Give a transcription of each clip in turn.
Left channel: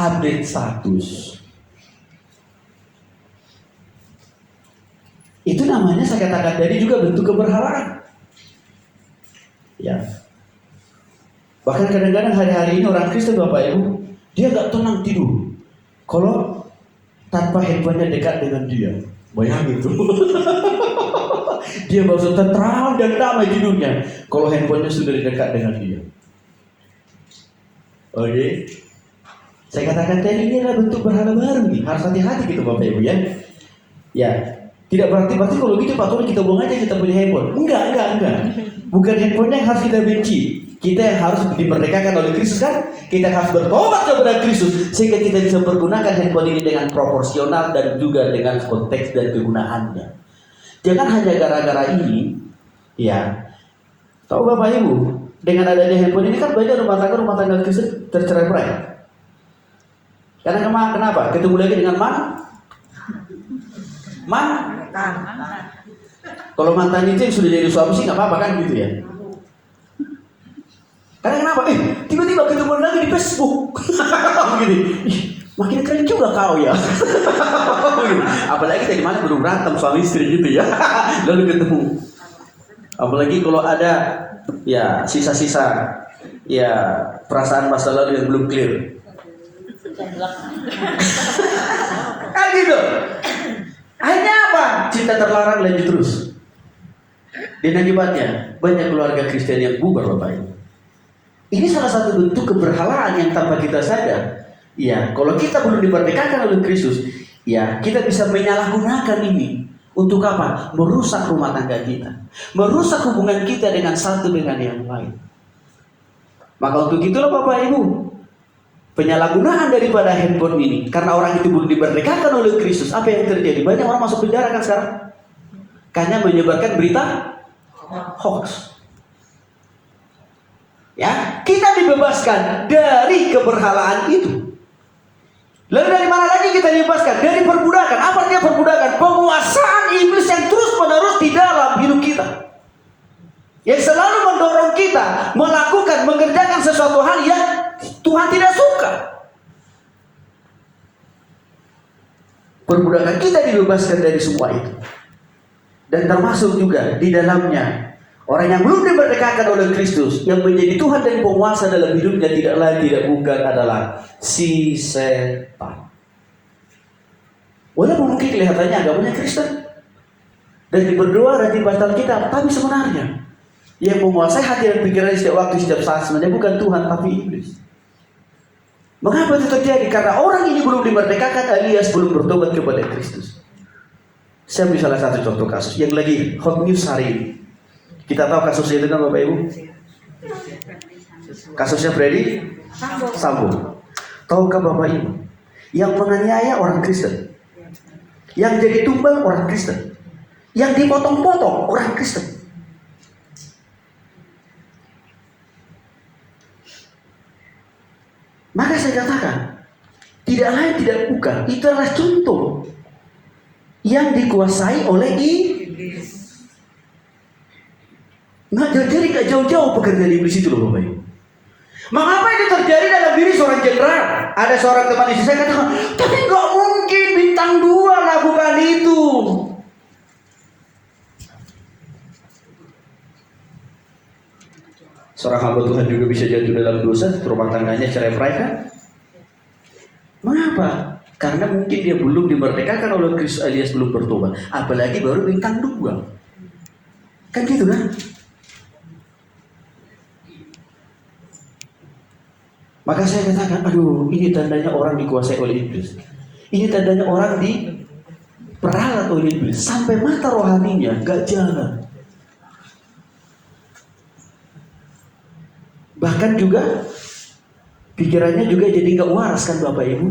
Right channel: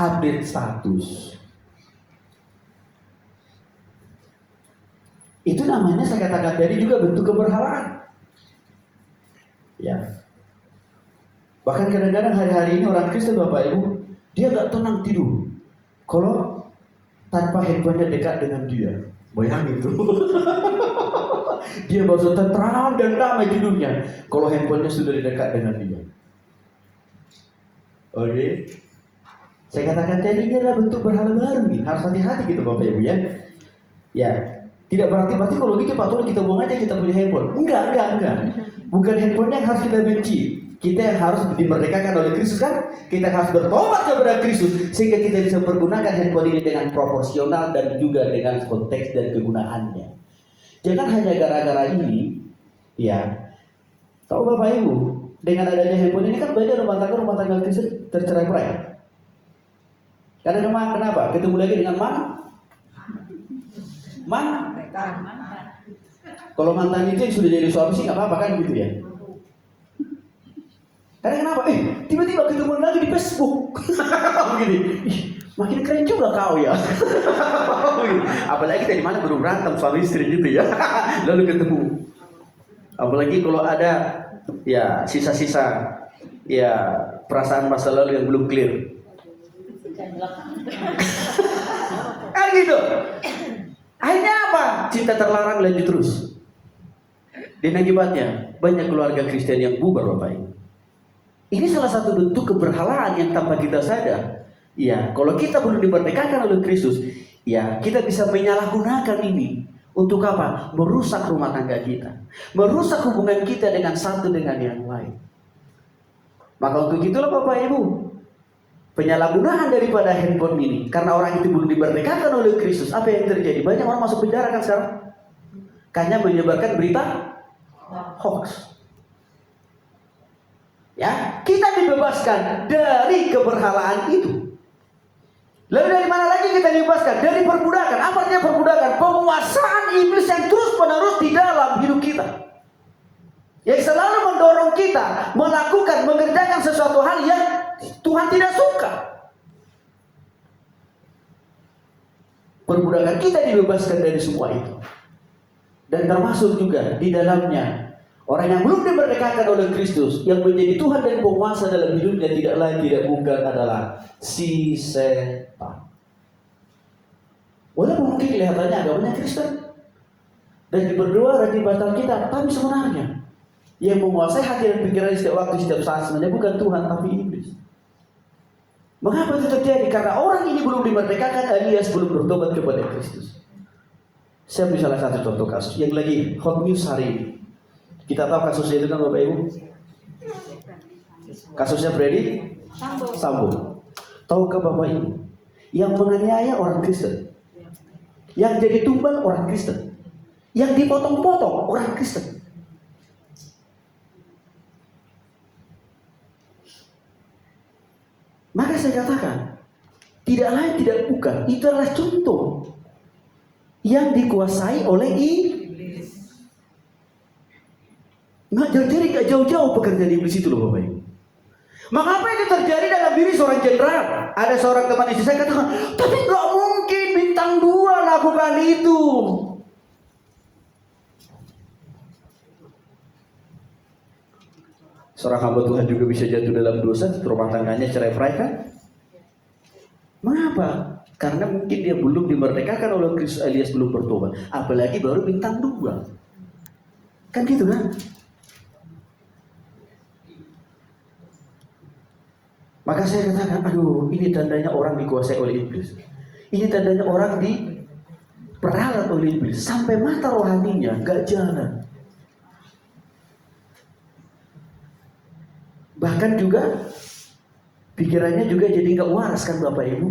update status. Itu namanya saya katakan tadi juga bentuk keberhalaan. Ya. Bahkan kadang-kadang hari-hari ini orang Kristen Bapak Ibu, dia nggak tenang tidur kalau tanpa handphonenya dekat dengan dia. Bayangin tuh. Dia maksud tenteram dan damai tidurnya kalau handphonenya sudah dekat dengan dia. Oke. Saya katakan tadi ini adalah bentuk berhala baru nih. Harus hati-hati gitu Bapak Ibu ya. Ya. Tidak berarti kalau gitu Pak Tony kita buang aja kita punya handphone. Enggak. Bukan handphonenya yang harus kita benci. Kita yang harus dimerdekakan oleh Kristus kan. Kita harus bertobat kepada Kristus sehingga kita bisa menggunakan handphone ini dengan proporsional dan juga dengan konteks dan kegunaannya. Jangan hanya gara-gara ini, ya. Tahu Bapak Ibu, dengan adanya handphone ini kan banyak rumah tangga Kristen tercerai-berai. Karena kenapa? Ketemu lagi dengan kalau mantan itu yang sudah jadi suami sih nggak apa-apa kan gitu ya. Karena kenapa? Tiba-tiba ketemu lagi di Facebook. Gini, makin keren juga kau ya. Apalagi dari mana belum berantem suami istri gitu ya. Lalu ketemu. Apalagi kalau ada ya sisa-sisa ya perasaan masa lalu yang belum clear. Kan gitu. Akhirnya apa? Cinta terlarang lanjut terus. Dan akibatnya banyak keluarga Kristen yang bubar Bapak Ibu. Ini salah satu bentuk keberhalaan yang tanpa kita sadar. Ya, kalau kita belum dimerdekakan oleh Kristus, ya kita bisa menyalahgunakan ini untuk apa? Merusak rumah tangga kita, merusak hubungan kita dengan satu dengan yang lain. Maka untuk itulah Bapak Ibu, penyalahgunaan daripada handphone ini, karena orang itu belum dimerdekakan oleh Kristus, apa yang terjadi? Banyak orang masuk penjara kan sekarang, karena menyebarkan berita hoax. Ya, kita dibebaskan dari keberhalaan itu. Lalu dari mana lagi kita dibebaskan? Dari perbudakan. Apa artinya perbudakan? Penguasaan iblis yang terus menerus di dalam hidup kita, yang selalu mendorong kita mengerjakan sesuatu hal yang Tuhan tidak suka. Perbudakan kita dibebaskan dari semua itu. Dan termasuk juga di dalamnya orang yang belum dimerdekakan oleh Kristus, yang menjadi Tuhan dan penguasa dalam hidupnya tidak lain tidak bukan adalah si setan. Walaupun mungkin kelihatannya agamanya Kristen dan berdoa dan ibadah kita, tapi sebenarnya yang menguasai hati dan pikiran setiap waktu setiap saat sebenarnya bukan Tuhan tapi iblis. Mengapa itu terjadi? Karena orang ini belum dimerdekakan alias belum bertobat kepada Kristus. Saya beri salah satu contoh kasus yang lagi hot news hari ini. Kita tahu kasusnya itu kan Bapak Ibu? Kasusnya Freddy Sambo. Tahukah Bapak Ibu? Yang menganiaya orang Kristen, yang jadi tumbal orang Kristen, yang dipotong-potong orang Kristen. Maka saya katakan, tidak lain tidak bukan, itu adalah contoh yang dikuasai oleh iblis. Nggak jauh-jauh pekerjaan iblis itu loh Bapak Ibu. Mengapa itu terjadi dalam diri seorang jenderal? Ada seorang teman istri saya katakan, tapi nggak mungkin bintang 2 lakukan itu. Seorang hamba Tuhan juga bisa jatuh dalam dosa, rumah tangganya cerai-berai kan? Mengapa? Karena mungkin dia belum dimerdekakan oleh Kristus alias belum bertobat. Apalagi baru bintang 2. Kan gitu kan? Maka saya katakan, aduh ini tandanya orang dikuasai oleh iblis. Ini tandanya orang diperalat oleh iblis. Sampai mata rohaninya gak jalan. Bahkan juga pikirannya juga jadi gak waras kan Bapak Ibu.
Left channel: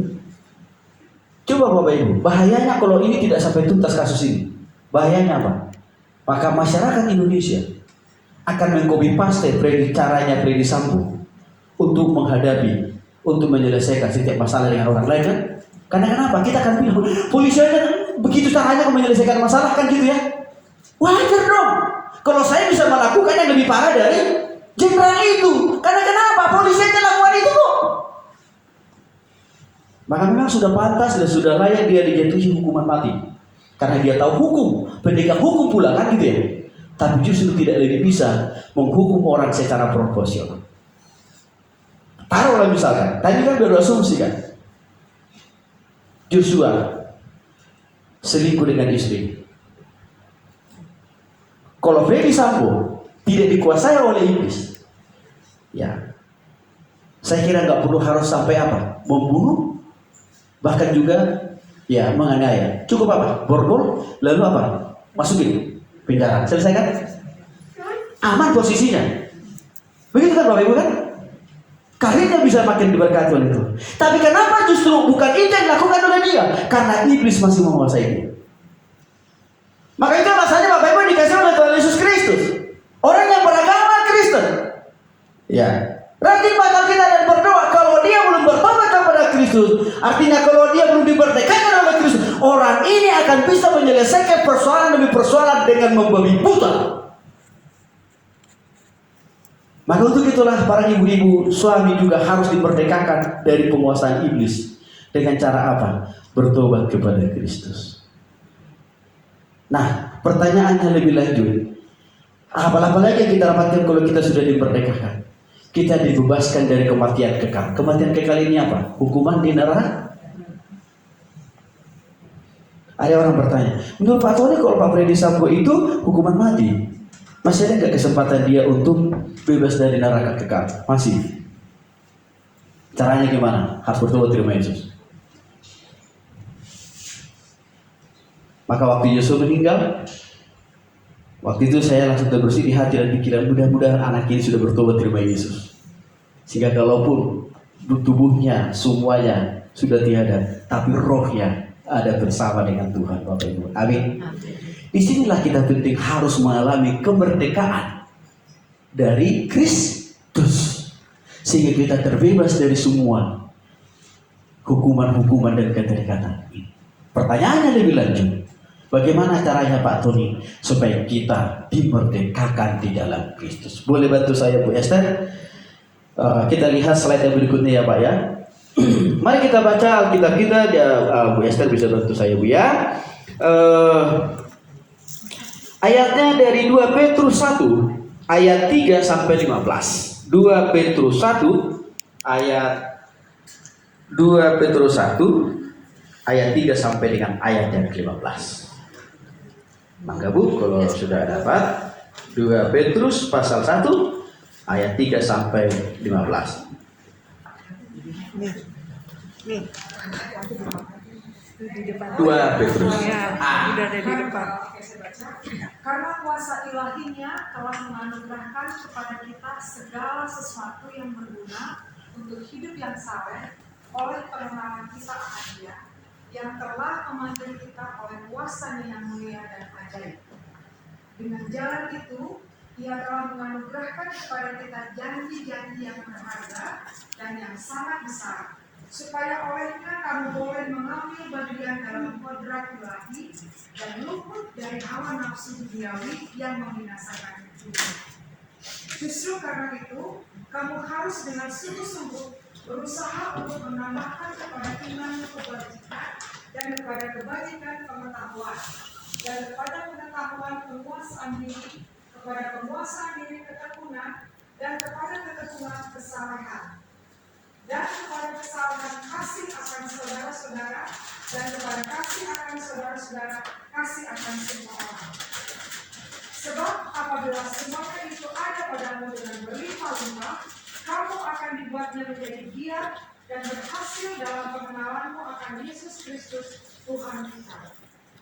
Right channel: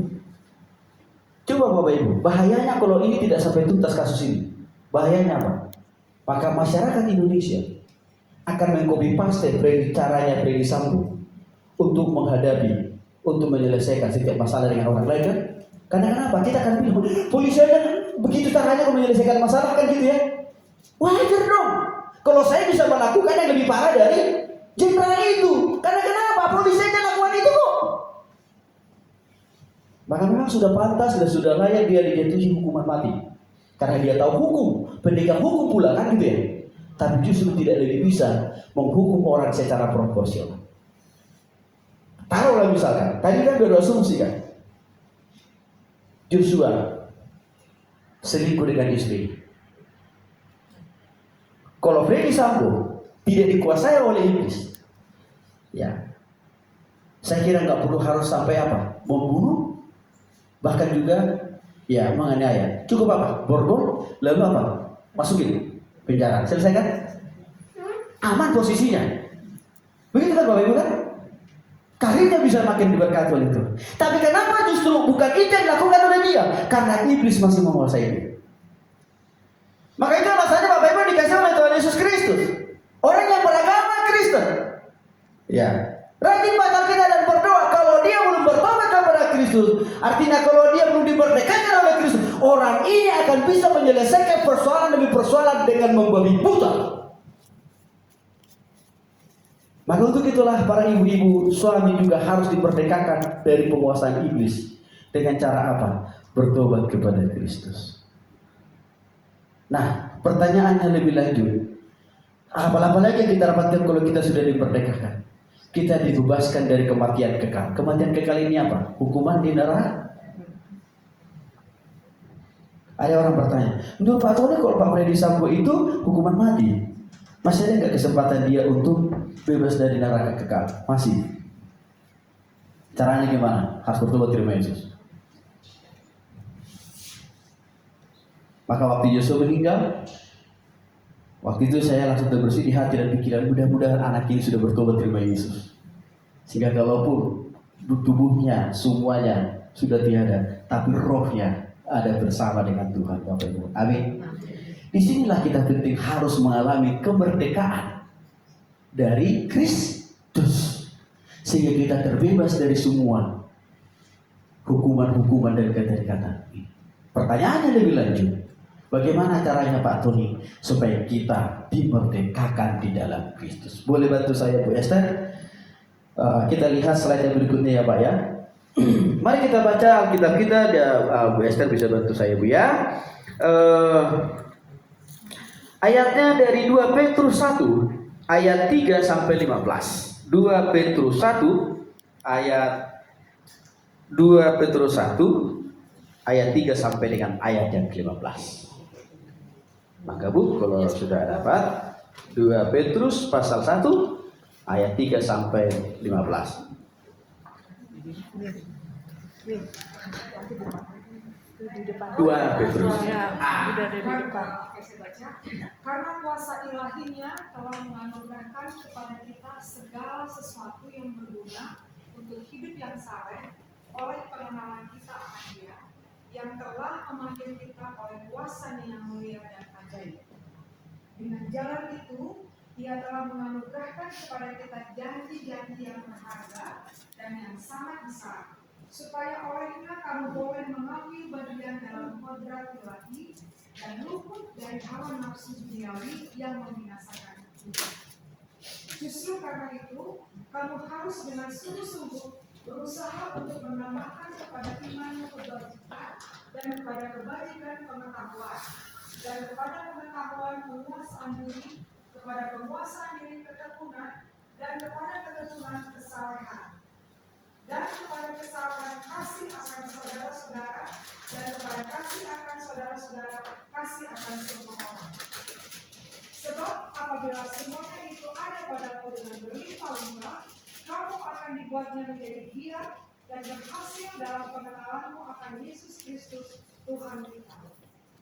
Coba Bapak Ibu, bahayanya kalau ini tidak sampai tuntas kasus ini. Bahayanya apa? Maka masyarakat Indonesia akan mengcopy paste caranya Freddy Sambo untuk menghadapi, untuk menyelesaikan setiap masalah dengan orang lain kan? Karena kenapa? Kita akan bilang, polisi aja begitu caranya menyelesaikan masalah kan gitu ya? Wajar dong. Kalau saya bisa melakukan yang lebih parah dari jenderal itu. Karena kenapa? Polisi aja lakukan itu kok. Maka memang sudah pantas dan sudah layak dia dijatuhi hukuman mati. Karena dia tahu hukum, pendekar hukum pula kan gitu ya. Tapi justru tidak lagi bisa menghukum orang secara proporsional. Taruhlah misalkan, tadi kan baru asumsi kan, Joshua selingkuh dengan istri. Kalau Freddy Sambo tidak dikuasai oleh iblis, ya, saya kira nggak perlu harus sampai apa, membunuh, bahkan juga ya menganiaya. Cukup apa, borgol, lalu apa, masukin penjara, selesai kan? Aman posisinya. Begitu kan Bapak Ibu kan? Karirnya bisa makin diberkati oleh Tuhan. Tapi kenapa justru bukan itu yang dilakukan oleh dia? Karena iblis masih menguasai dia. Maka itu alasannya Bapak Ibu dikasih oleh Tuhan Yesus Kristus. Orang yang beragama Kristen, ya, rajin baca kita dan berdoa. Kalau dia belum bertobat kepada Kristus, artinya kalau dia belum dimerdekakan oleh Kristus, orang ini akan bisa menyelesaikan persoalan demi persoalan dengan membabi buta. Maka untuk itulah para ibu-ibu, suami juga harus dimerdekakan dari penguasaan iblis. Dengan cara apa? Bertobat kepada Kristus. Nah, pertanyaannya lebih lanjut. Apalagi yang kita dapatkan kalau kita sudah dimerdekakan? Kita dibebaskan dari kematian kekal. Kematian kekal ini apa? Hukuman di neraka? Ada orang bertanya, menurut Pak Tony kalau Pak Freddy Sambo itu hukuman mati, masih ada nggak kesempatan dia untuk bebas dari neraka kekal? Masih. Caranya gimana? Harus bertobat terima Yesus. Maka waktu Yosua meninggal, waktu itu saya langsung terbersih di hati dan pikiran, mudah-mudahan anak ini sudah bertobat terima Yesus. Sehingga kalaupun tubuhnya semuanya sudah tiada, tapi rohnya ada bersama dengan Tuhan, Bapak Ibu. Amin. Disinilah kita penting harus mengalami kemerdekaan dari Kristus, sehingga kita terbebas dari semua hukuman-hukuman dan keterikatan ini. Pertanyaannya lebih lanjut, bagaimana caranya Pak Tony supaya kita dimerdekakan di dalam Kristus? Boleh bantu saya Bu Esther? Kita lihat slide yang berikutnya ya Pak ya. Mari kita baca Alkitab kita. Bu Esther bisa bantu saya Bu ya. Ayatnya dari 2 Petrus 1 ayat 3 sampai 15. 2 Petrus 1 ayat 2 Petrus 1 ayat 3 sampai dengan ayat yang ke-15. Maka Bu, kalau sudah dapat 2 Petrus pasal 1 ayat 3 sampai 15. Nih. 2 Petrus. Udah ada di depan. Karena kuasa ilahinya telah menganugerahkan kepada kita segala sesuatu yang berguna untuk hidup yang saleh oleh pengenalan kita akan Dia, yang telah memanggil kita oleh kuasa-Nya yang mulia dan ajaib. Dengan jalan itu, Ia telah menganugerahkan kepada kita janji-janji yang berharga dan yang sangat besar, supaya olehnya kamu boleh mengambil bagian dalam kodrat ilahi dan luput dari hawa nafsu duniawi yang membinasakan hidup. Justru karena itu, kamu harus dengan sungguh-sungguh berusaha untuk menambahkan kepada iman kebajikan dan kepada kebajikan pengetahuan, dan kepada pengetahuan penguasaan diri, kepada penguasaan diri ketekunan, dan kepada ketekunan kesalehan, dan kepada kesalahan kasih akan saudara-saudara, dan kepada kasih akan saudara-saudara, kasih akan semua orang. Sebab apabila semuanya itu ada padamu dengan berlimpah-limpah, kamu akan dibuatnya menjadi giat dan berhasil dalam pengenalanmu akan Yesus Kristus Tuhan kita.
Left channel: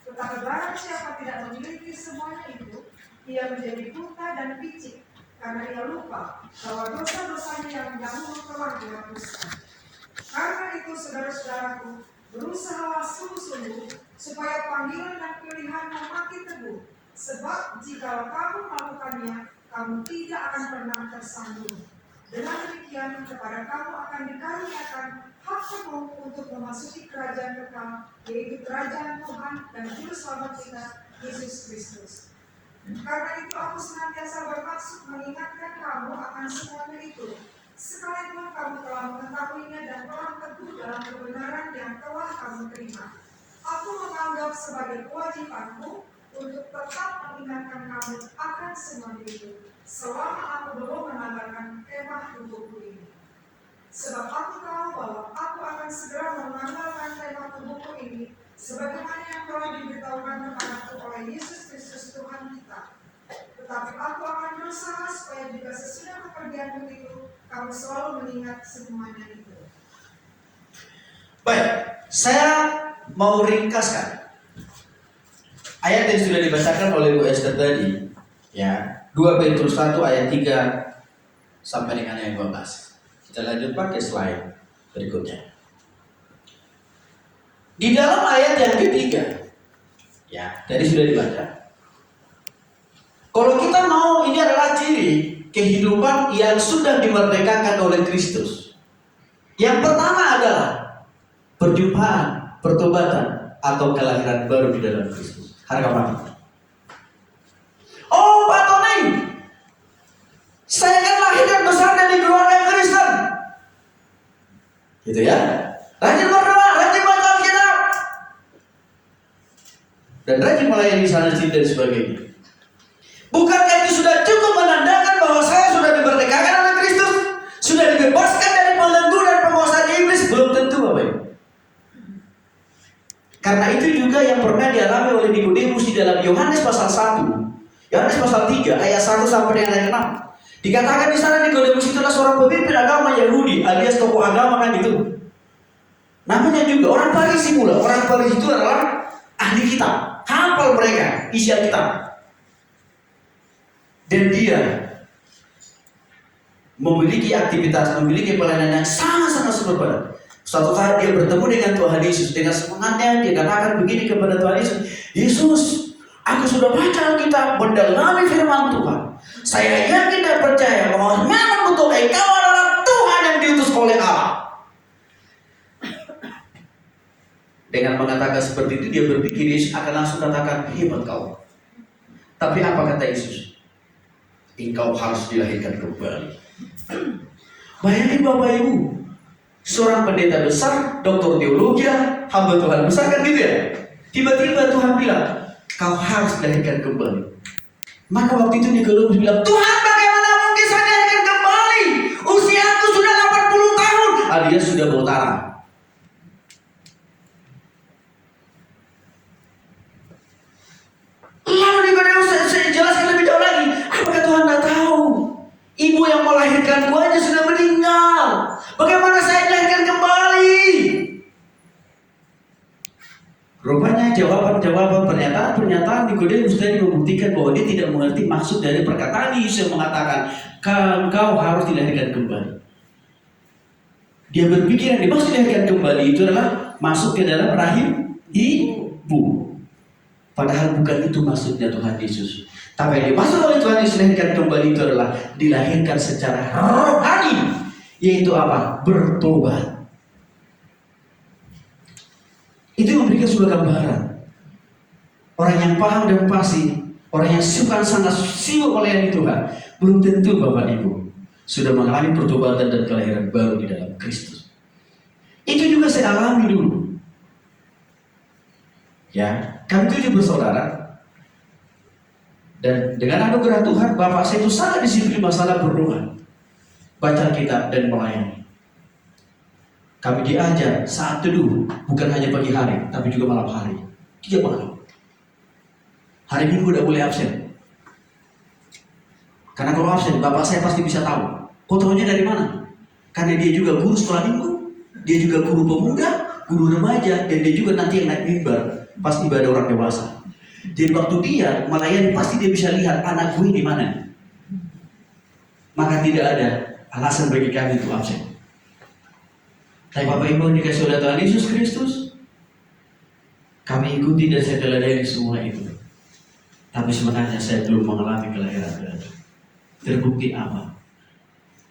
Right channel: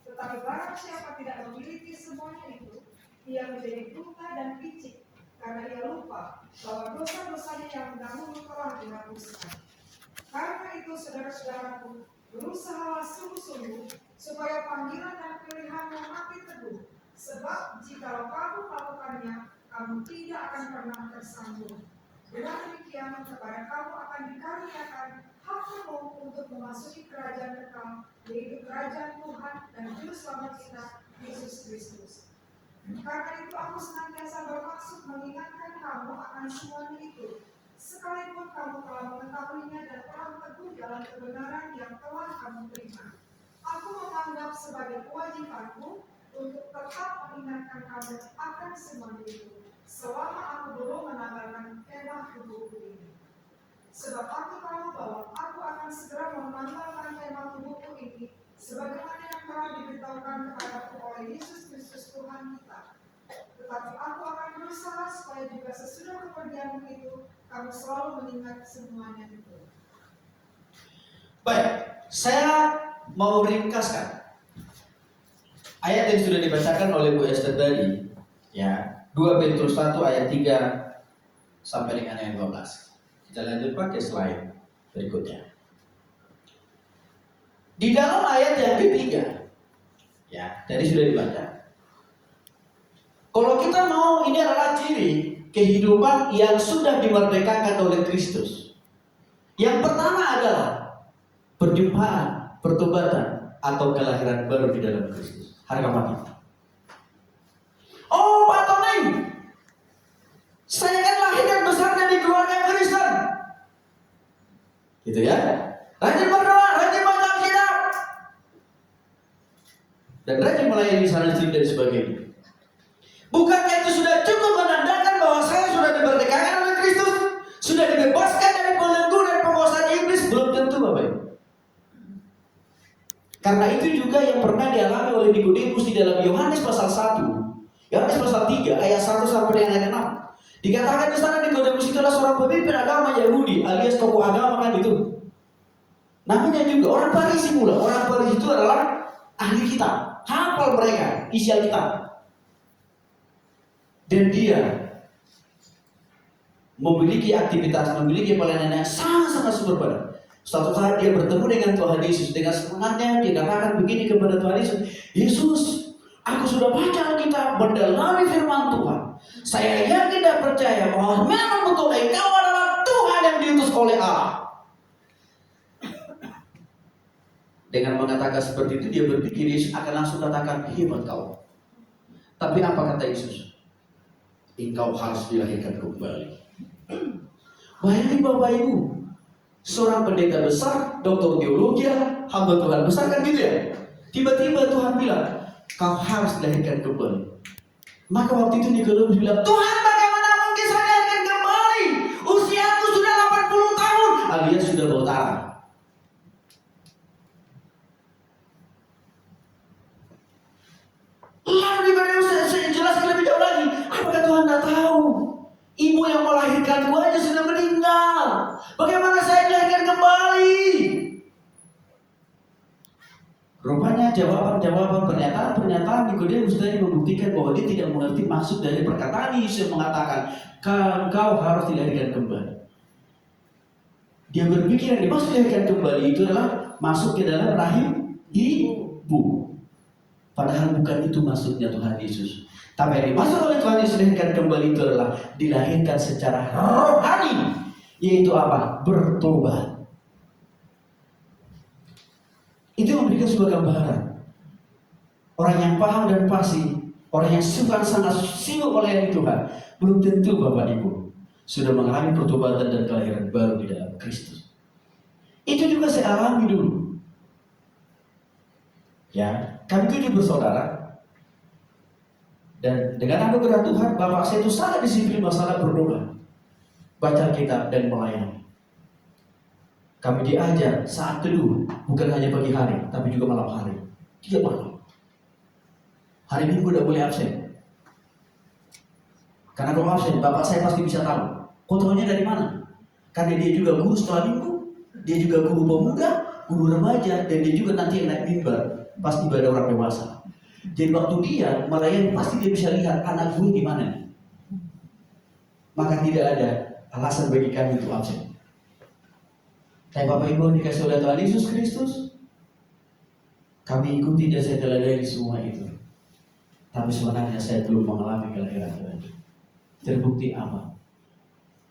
Tetapi barang siapa tidak memiliki semuanya itu, ia menjadi buta dan picik, karena ia lupa bahwa dosa-dosanya yang dahulu telah dihapuskan. Karena itu saudara-saudaraku, berusahalah sungguh-sungguh supaya panggilan dan pilihanmu makin teguh. Sebab jika kamu melakukannya, kamu tidak akan pernah tersandung. Dengan demikian, kepada kamu akan dikaruniakan hak penuh untuk memasuki kerajaan kekal, yaitu kerajaan Tuhan dan Juru Selamat kita, Yesus Kristus. Karena itu aku senantiasa bermaksud mengingatkan kamu akan semuanya itu, sekalipun kamu telah mengetahuinya dan telah teguh dalam kebenaran yang aku untuk tetap mengingatkan kamu akan semua itu selama aku belum menambahkan kemah tubuhku ini. Sebab aku tahu bahwa aku akan segera menanggalkan kemah tubuhku ini sebagaimana yang telah diberitahukan kepadaku oleh Yesus Kristus Tuhan kita. Tetapi aku akan berusaha supaya juga sesudah kepergianku itu kamu selalu mengingat semuanya itu. Baik, saya mau ringkaskan ayat yang sudah dibacakan oleh Bu Esther tadi, ya, 2 Petrus 1 ayat 3 sampai dengan ayat 12. Kita lanjut pakai slide berikutnya. Di dalam ayat yang ketiga, ya, tadi sudah dibaca. Kalau kita mau, ini adalah ciri kehidupan yang sudah dimerdekakan oleh Kristus. Yang pertama adalah perjumpaan, pertobatan, atau kelahiran baru di dalam Kristus. Harga mati. Oh, Pak Tony, saya kan lahir dan besar dari keluarga Kristen. Gitu ya. Rajin berdoa, rajin baca Alkitab, dan rajin melayani sana sini dan sebagainya. Bukankah itu sudah cukup menandakan bahwa saya sudah dimerdekakan oleh Kristus, sudah dibebaskan dari belenggu dan penguasaan iblis? Belum tentu, Bapak Ibu. Karena itu juga yang pernah dialami oleh Nikodemus di dalam Yohanes pasal 1, Yohanes pasal 3 ayat 1 sampai dengan ayat 6. Dikatakan di sana Nikodemus itu adalah seorang pemimpin agama Yahudi, alias tokoh agama kan itu. Namanya juga orang Farisi pula. Orang Farisi itu adalah ahli kitab, hafal mereka isi Alkitab. Dan dia memiliki aktivitas, memiliki pelayanan yang sangat-sangat super padat. Suatu saat dia bertemu dengan Tuhan Yesus. Dengan semangatnya dia katakan begini kepada Tuhan Yesus, Yesus, aku sudah baca Alkitab, mendalami firman Tuhan. Saya yakin dan percaya bahwa memang betul Engkau adalah Tuhan yang diutus oleh Allah. Dengan mengatakan seperti itu, dia berpikir Yesus akan langsung katakan, hebat kau. Tapi apa kata Yesus? Engkau harus dilahirkan kembali. Bayangin Bapak Ibu, seorang pendeta besar, doktor teologi, hamba Tuhan besar kan gitu ya. Tiba-tiba Tuhan bilang, kau harus dilahirkan kembali. Maka waktu itu Nikodemus bilang, Tuhan, bagaimana mungkin saya dilahirkan kembali? Usiaku sudah 80 tahun. Alias sudah bau tanah. Lalu Nikodemus, saya jelaskan lebih jauh lagi. Apakah Tuhan tidak tahu? Ibu yang melahirkanku aja sudah meninggal. Bagaimana saya dilahirkan kembali? Rupanya jawaban-jawaban, pernyataan Nikodemus tadi membuktikan bahwa dia tidak mengerti maksud dari perkataan Yesus yang mengatakan, engkau harus dilahirkan kembali. Dia berpikir yang dimaksud dilahirkan kembali itu adalah masuk ke dalam rahim ibu. Padahal bukan itu maksudnya Tuhan Yesus. Tapi yang dimaksud oleh Tuhan Yesus dilahirkan kembali itu adalah dilahirkan secara rohani. Yaitu apa? Bertobat. Itu memberikan sebuah gambaran. Orang yang paham dan pasti, orang yang sangat sibuk melayani Tuhan, belum tentu Bapak Ibu sudah mengalami pertobatan dan kelahiran baru di dalam Kristus. Itu juga saya alami dulu. Ya, kami 7 bersaudara. Dan dengan anugerah Tuhan, bapak saya itu sangat disiplin masalah berdoa, baca kitab dan melayani. Kami diajar saat teduh, bukan hanya pagi hari, tapi juga malam hari. 3 malam. Hari Minggu tidak boleh absen. Karena kalau absen, bapak saya pasti bisa tahu. Kok tahunya dari mana? Karena dia juga guru sekolah minggu, dia juga guru pemuda, guru remaja, dan dia juga nanti yang naik mimbar pas ibadah orang dewasa. Jadi waktu dia melayani pasti dia bisa lihat anak gue di mana. Maka tidak ada alasan bagi kami untuk absen. Tapi Bapak Ibu dikasih oleh Tuhan Yesus Kristus, kami ikuti dan saya teladani semua itu. Tapi sebenarnya saya belum mengalami kelahiran baru. Terbukti apa?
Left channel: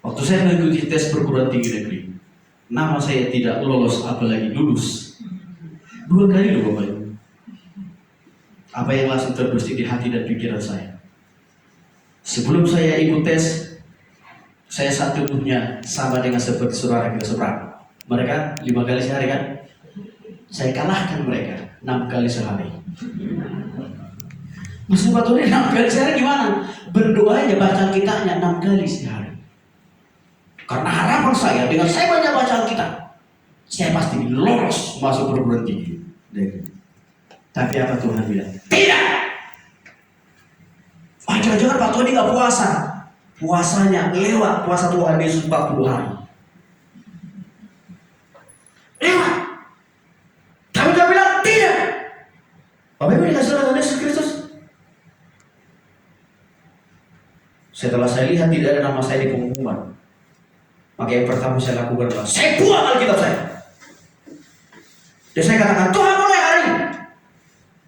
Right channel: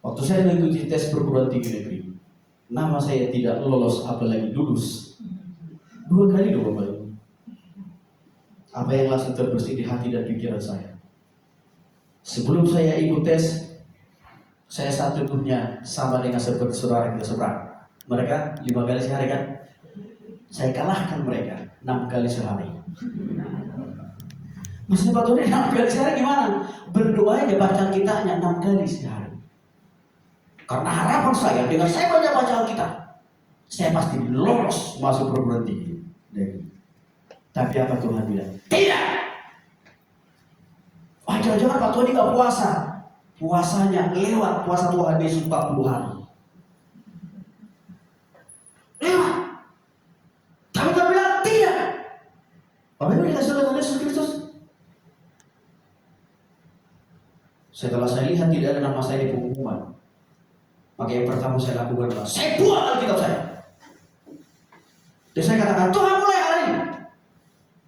Waktu saya mengikuti tes perguruan tinggi negeri, nama saya tidak lolos apalagi lulus. 2 kali loh Bapak Ibu. Apa yang langsung terbersih di hati dan pikiran saya? Sebelum saya ikut tes, saya saat tubuhnya sama dengan seperti saudara kita seberang. Mereka 5 kali sehari kan? Saya kalahkan mereka 6 kali sehari. Maksud Pak Tony 6 kali sehari gimana? Berdoa aja baca Alkitabnya 6 kali sehari. Karena harapan saya dengan saya banyak baca Alkitab, saya pasti lolos masuk perguruan tinggi. Tapi apa Tuhan bilang? Tidak. Oh, jangan-jangan Pak Tony nggak puasa. Puasanya lewat puasa Tuhan Yesus 40 hari. Lewat. Tapi Tuhan bilang tidak. Bapak Ibu dikasih oleh Tuhan Yesus Kristus. Setelah saya lihat tidak ada nama saya di pengumuman, maka yang pertama saya lakukan adalah saya buang Alkitab saya. Dan saya katakan, Tuhan mulai hari ini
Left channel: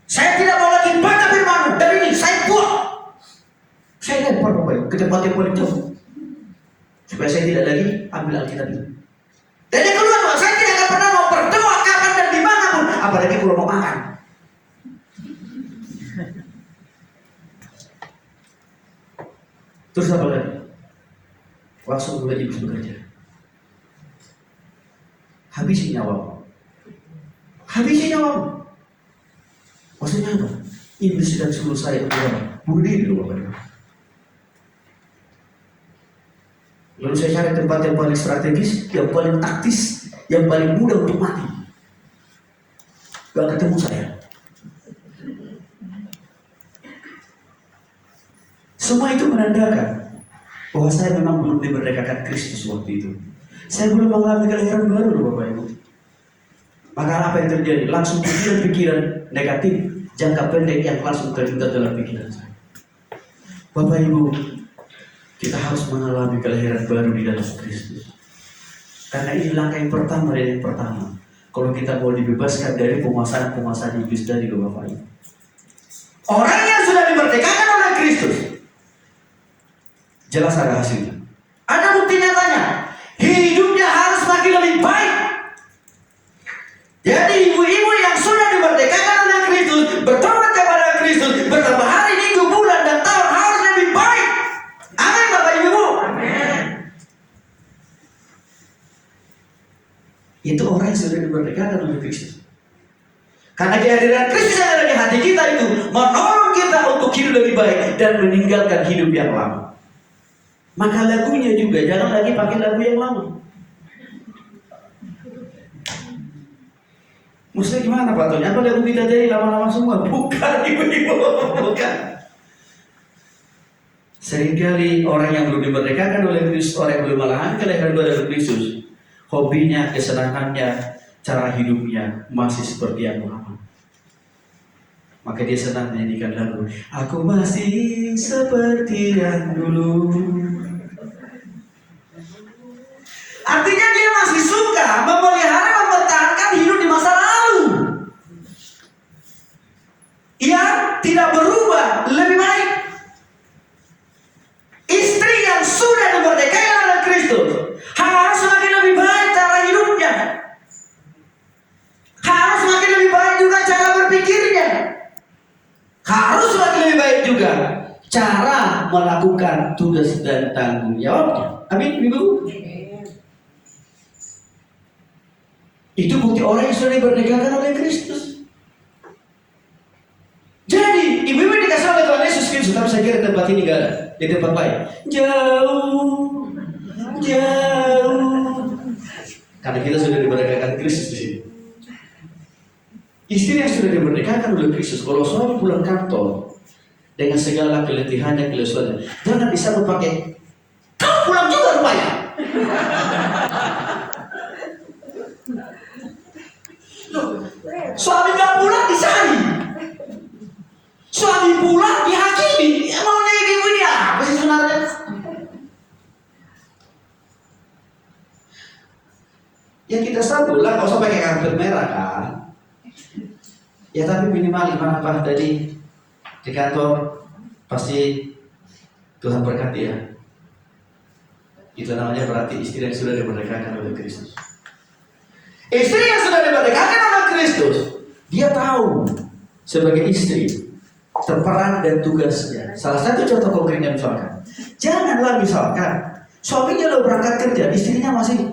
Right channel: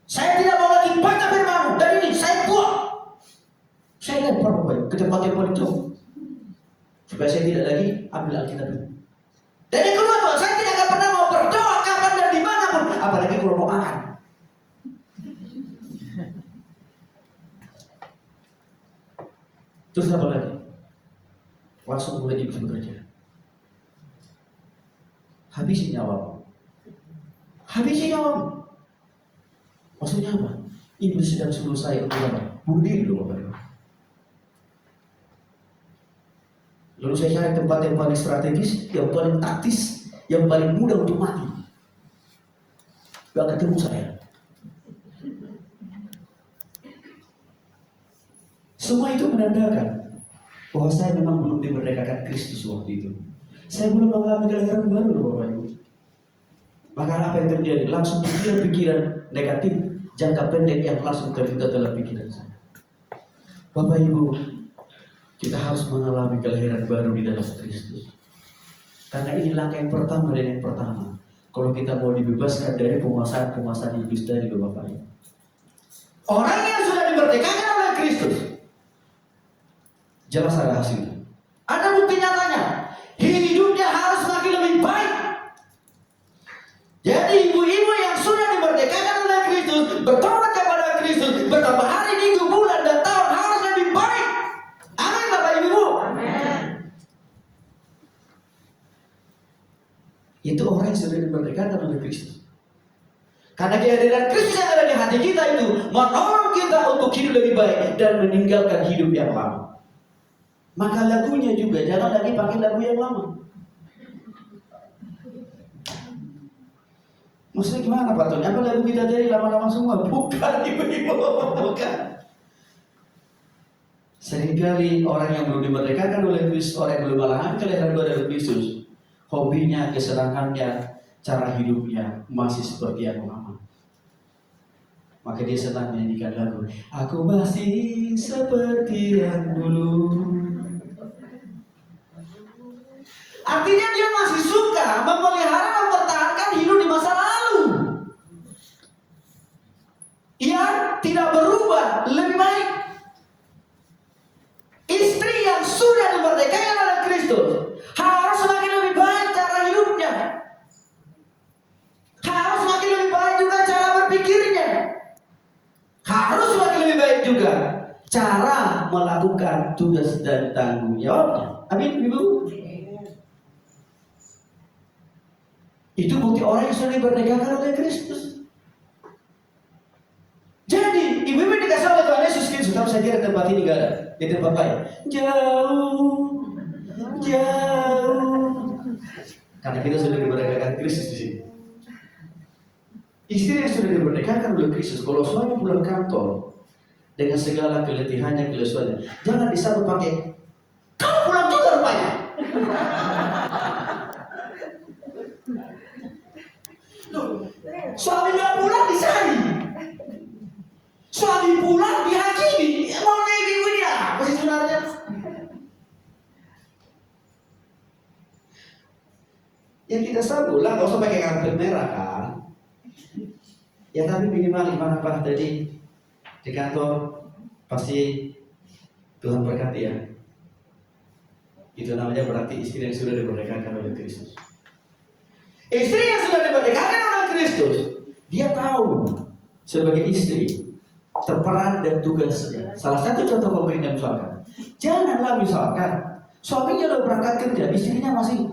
saya tidak mau lagi baca firman-Mu. Dan ini saya buang. Saya lempar Bapak Ibu ke tempat yang paling jauh, supaya saya tidak lagi ambil Alkitab itu. Dan yang kedua, Tuhan, saya tidak akan pernah mau berdoa kapan dan dimanapun, apalagi kalau mau makan. Terus apa lagi? Langsung mulai iblis bekerja. Habisi nyawamu. Habisi nyawamu. Maksudnya apa? Iblis sedang suruh saya untuk bunuh diri dulu Bapak Ibu. Lalu saya cari tempat yang paling strategis, yang paling taktis, yang paling mudah untuk mati. Gak ketemu saya. Semua itu menandakan bahwa saya memang belum dimerdekakan Kristus waktu itu. Saya belum mengalami kelahiran baru loh Bapak Ibu. Maka apa yang terjadi? Langsung pikiran-pikiran negatif jangka pendek yang langsung terlintas dalam pikiran saya. Bapak Ibu, kita harus mengalami kelahiran baru di dalam Kristus. Karena ini langkah yang pertama dan yang pertama. Kalau kita mau dibebaskan dari penguasaan iblis dari Bapak Ibu. Orang yang sudah dimerdekakan oleh Kristus, jelas ada hasilnya. Ada bukti nyatanya. Hidupnya harus makin lebih baik. Jadi ibu-ibu yang sudah dimerdekakan oleh Kristus, bertobat kepada Kristus, bertambah hari, minggu, bulan, dan tahun harus lebih baik. Amin Bapak Ibu. Amin. Itu orang yang sudah dimerdekakan oleh Kristus. Karena kehadiran Kristus yang ada di hati kita itu menolong kita untuk hidup lebih baik dan meninggalkan hidup yang lama. Maka lagunya juga jangan lagi pakai lagu yang lama. Maksudnya gimana Pak Tony? Apa lagu kita jadi lama-lama semua? Bukan ibu-ibu, bukan. Seringkali orang yang belum dimerdekakan oleh Kristus, orang yang belum mengalami kelahiran baru dari Kristus, hobinya, kesenangannya, cara hidupnya masih seperti yang lama. Maka dia senang menyanyikan lagu, aku masih seperti yang dulu. Artinya dia masih suka memelihara, mempertahankan hidup di masa lalu. Ia tidak berubah lebih baik. Istri yang sudah dimerdekakan oleh Kristus harus semakin lebih baik cara hidupnya. Harus semakin lebih baik juga cara berpikirnya. Harus semakin lebih baik juga cara melakukan tugas dan tanggung jawabnya. Amin, Ibu. Itu bukti orang yang sudah dimerdekakan oleh Kristus. Jadi, ibu-ibu dikasih oleh Tuhan Yesus Kristus, tapi saya kira tempat ini gak ada, di tempat lain. Jauh, jauh. Karena kita sudah dimerdekakan Kristus di sini. Istri yang sudah dimerdekakan oleh Kristus, kalau suami pulang kantor dengan segala keletihannya, kelesuannya, jangan disambut pakai, kau pulang juga rupanya. Suami gak pulang disari, suami pulang dihakimi. Mau dihakimi dia apa sih sebenarnya? Ya kita sambut lah, gak usah pakai karpet merah kan. Ya tapi minimal gimana Pak tadi di kantor pasti Tuhan berkati ya. Itu namanya berarti istri yang sudah dimerdekakan oleh Kristus. Istri yang sudah dimerdekakan oleh Kristus, dia tahu sebagai istri terperan dan tugasnya. Salah satu contoh konkretnya misalkan, janganlah misalkan suaminya udah berangkat kerja, istrinya masih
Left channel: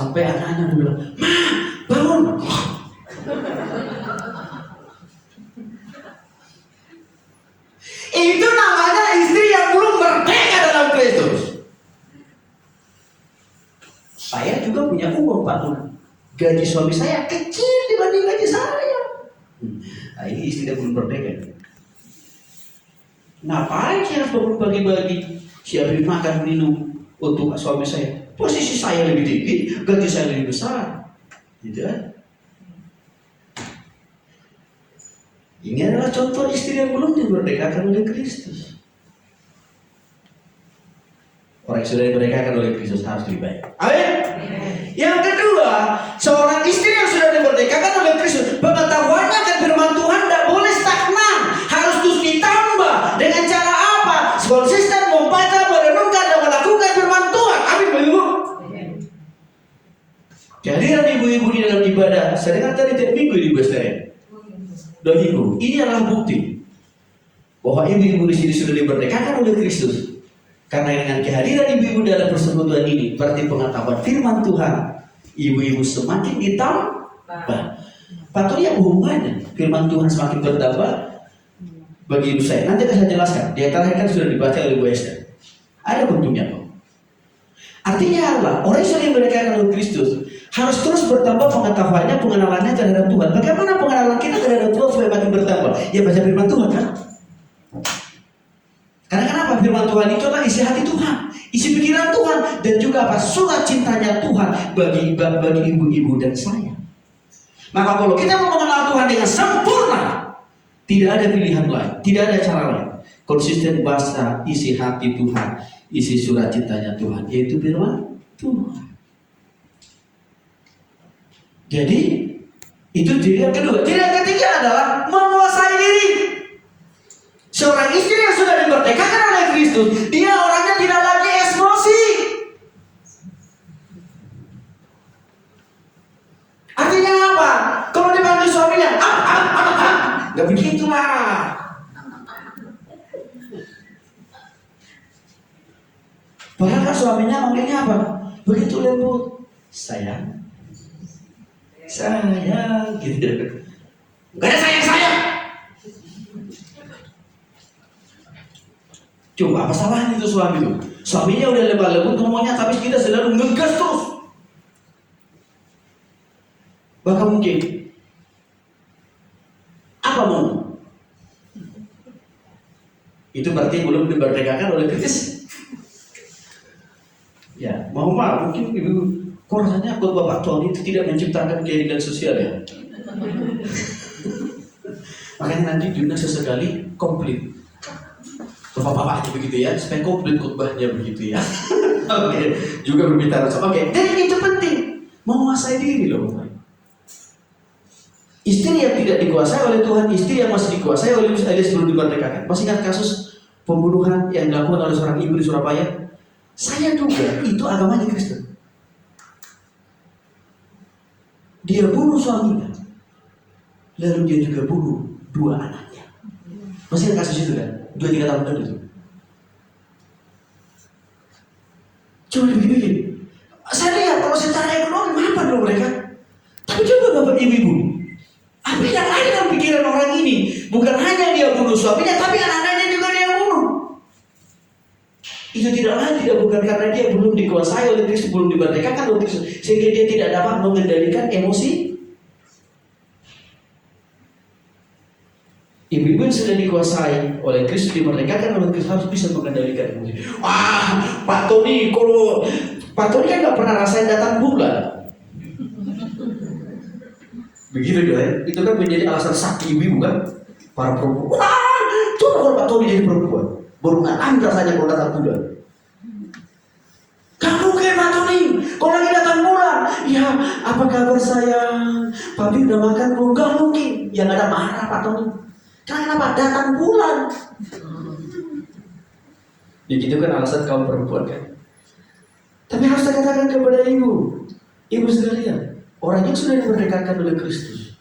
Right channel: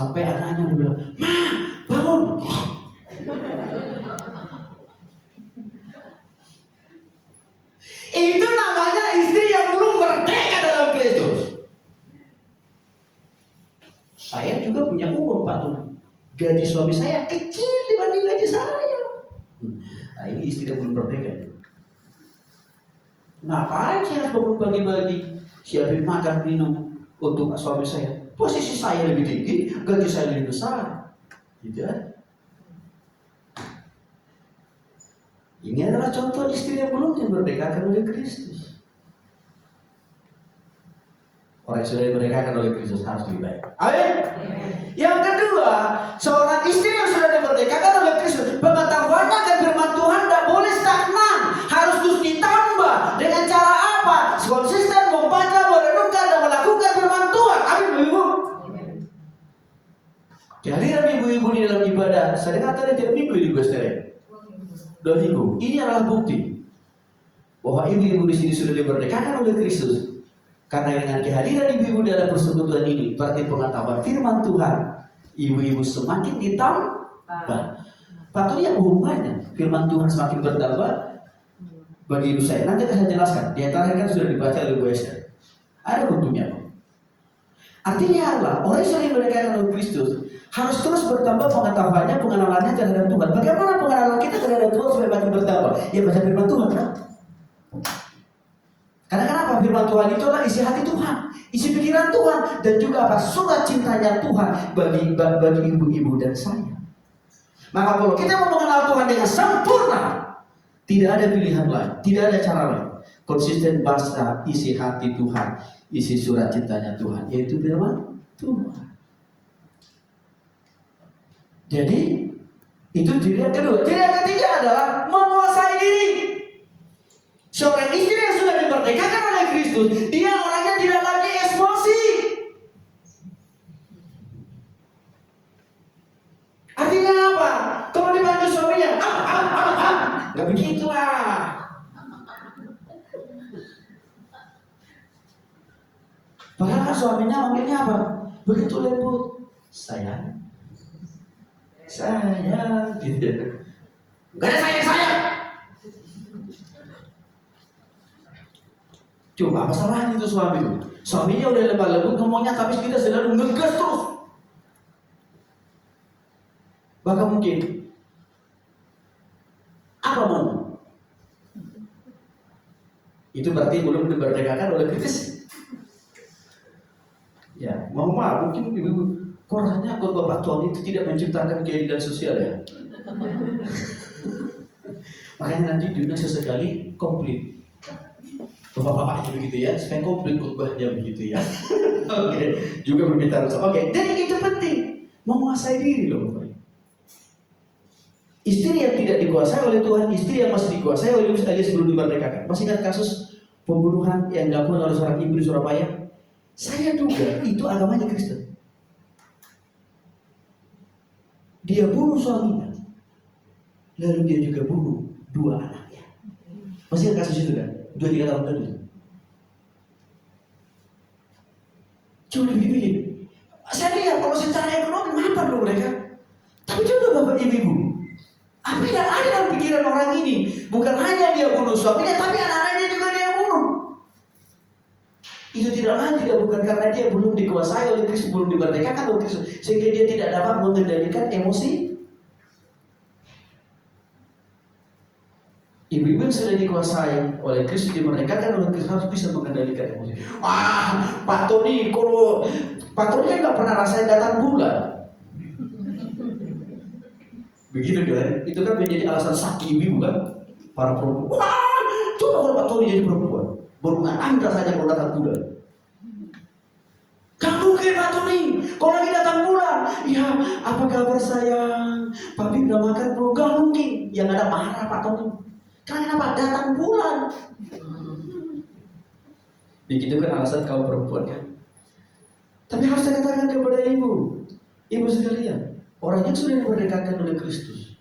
Sampai anaknya bilang, "Ma, bangun." Itu namanya istri yang belum merdeka dalam Kristus. Saya juga punya uang, Pak Tuhan. Gaji suami saya kecil dibanding gaji saya. Nah, ini istri yang belum merdeka. Ngapain saya harus bangun pagi-pagi, siapin makan minum untuk suami saya? Posisi saya lebih tinggi, gaji saya lebih besar, gitu kan? Ini adalah contoh istri yang belum dimerdekakan oleh Kristus. Orang yang sudah dimerdekakan oleh Kristus harus lebih baik. Amin. Yang kedua, seorang istri yang sudah dimerdekakan oleh Kristus, pengetahuannya akan firman Tuhan tidak boleh stagnan, harus terus ditambah. Dengan cara apa? Konsisten membaca, merenungkan, dan melakukan firman Tuhan. Amin, Ibu. Kehadiran ibu-ibu di dalam ibadah, saya dengar tadi tiap minggu di Basteren. 2 minggu. Ini adalah bukti bahwa ibu-ibu di sini sudah dimerdekakan oleh Kristus. Karena dengan kehadiran ibu-ibu dalam persekutuan ini, berarti pengetahuan firman Tuhan ibu-ibu semakin ditambah. Patutnya hubungannya firman Tuhan semakin bertambah bagi ibu saya. Nanti akan saya jelaskan. Di antara kan sudah dibaca oleh Bu Esther. Ada bentuknya, Pak. Artinya apa? Orang yang sudah dimerdekakan oleh Kristus harus terus bertambah pengetahuannya, pengenalannya terhadap Tuhan. Bagaimana pengenalan kita terhadap Tuhan supaya makin bertambah? Ya baca firman Tuhan, kan? Karena kenapa? Firman Tuhan itu adalah isi hati Tuhan, isi pikiran Tuhan, dan juga apa? Surat cintanya Tuhan bagi ibu-ibu dan saya. Maka kalau kita mau mengenal Tuhan dengan sempurna, tidak ada pilihan lain, tidak ada cara lain. Konsisten baca isi hati Tuhan, isi surat cintanya Tuhan, yaitu firman Tuhan. Jadi itu ciri yang kedua. Ciri yang ketiga adalah menguasai diri. Seorang istri yang sudah dimerdekakan oleh Kristus, dia orangnya tidak lagi emosi. Artinya apa? Kalau dipanggil suaminya, nggak begitulah. Padahal kan suaminya manggilnya apa? Begitu lembut, sayang, gitu. Gak ada sayang. Coba apa salahnya itu suami itu? Suaminya udah lemah lembut ngomongnya, tapi kita selalu ngegas terus. Bahkan mungkin apa mau? Itu berarti belum dimerdekakan oleh Kristus. Ya, mau mungkin ibu kok rasanya khotbah Pak Tony itu tidak menciptakan keadilan sosial ya. Makanya nanti Juna sesekali komplit. Bapak-bapak aja begitu ya, supaya komplit khotbahnya begitu ya. Oke, juga berbicara. Oke, dan itu penting, menguasai diri loh. Istri yang tidak dikuasai oleh Tuhan, istri yang masih dikuasai oleh Kristus sebelum dimerdekakan. Masih ingat kasus pembunuhan yang dilakukan oleh seorang ibu di Surabaya? Saya duga itu agamanya Kristen. Dia bunuh suaminya, lalu dia juga bunuh 2 anaknya. Masih ingat kasus itu kan? 2-3 tahun lalu itu. Coba dipikir. Saya lihat kalau secara ekonomi mampu dulu mereka. Tapi coba bapak ibu-ibu, apa yang ada dalam pikiran orang ini? Bukan hanya dia bunuh suaminya, tapi anak-anaknya juga dia bunuh. Itu tidak bukan karena dia belum dikuasai oleh Kristus, belum dimerdekakan oleh Kristus, sehingga dia tidak dapat mengendalikan emosi. Ibu-ibu yang sudah dikuasai oleh Kristus, dimerdekakan oleh Kristus, harus bisa mengendalikan emosi. Wah, Pak Tony kan nggak pernah rasain datang bulan. Begitu deh, itu kan menjadi alasan sakti ibu kan, para perempuan. Wah, coba kalau Pak Tony jadi perempuan, baru nggak rasanya kalau datang bulan. Gak mungkin Pak Tony, kalau lagi datang bulan, ya apa kabar sayang? Papi udah makan belum? Gak mungkin, yang ada marah Pak Tony. Kenapa datang bulan? Begitu kan alasan kaum perempuan kan. Tapi harus saya katakan kepada ibu sekalian, orang yang sudah dimerdekakan oleh Kristus,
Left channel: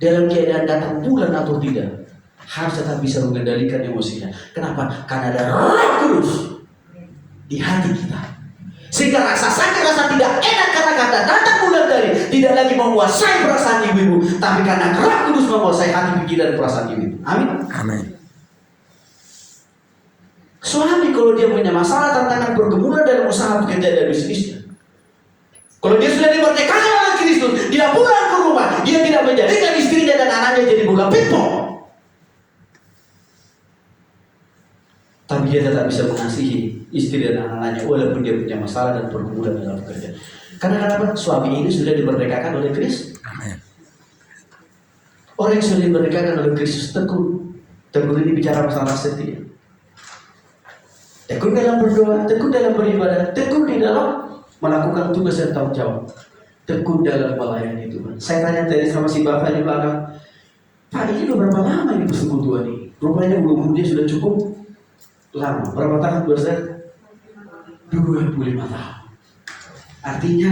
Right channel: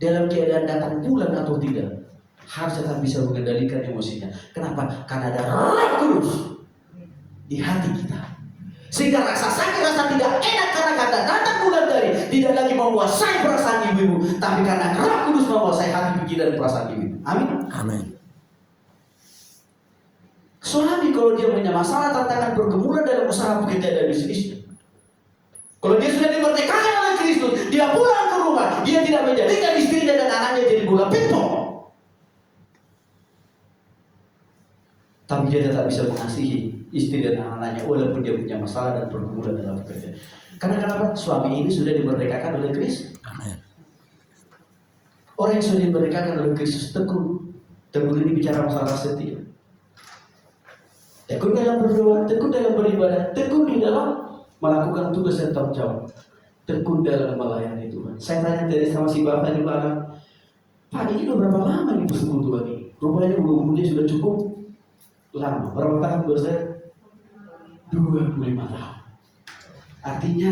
dalam keadaan datang bulan atau tidak, harus tetap bisa mengendalikan emosinya. Kenapa? Karena ada Roh Kudus di hati kita. Sehingga rasa sakit, rasa tidak enak karena kata datang bulan dari tidak lagi menguasai perasaan ibu-ibu, tapi karena Roh Kudus menguasai hati, pikiran, dan perasaan ibu-ibu. Amin. Amin. Suami kalau dia punya masalah, tantangan, pergumulan dalam usaha pekerjaan dan bisnisnya, kalau dia sudah dimerdekakan oleh Kristus, dia pulang ke rumah, dia tidak menjadikan istrinya dan anaknya jadi bola pingpong, tapi dia tetap bisa mengasihi istri dan anak-anaknya walaupun dia punya masalah dan pergumulan dalam pekerjaan. Karena kenapa? Suami ini sudah dimerdekakan oleh Kristus. Amin. Orang yang sudah dimerdekakan oleh Kristus tekun. Tekun ini bicara masalah setia. Tekun dalam berdoa, tekun dalam beribadah, tekun di dalam melakukan tugas dan tanggung jawab, tekun dalam melayani Tuhan. Saya tanya tadi sama si bapak di belakang, Pak, ini udah berapa lama ini persekutuan ini? Rupanya umurnya sudah cukup lama. Berapa tahun Bos? 25 tahun. Artinya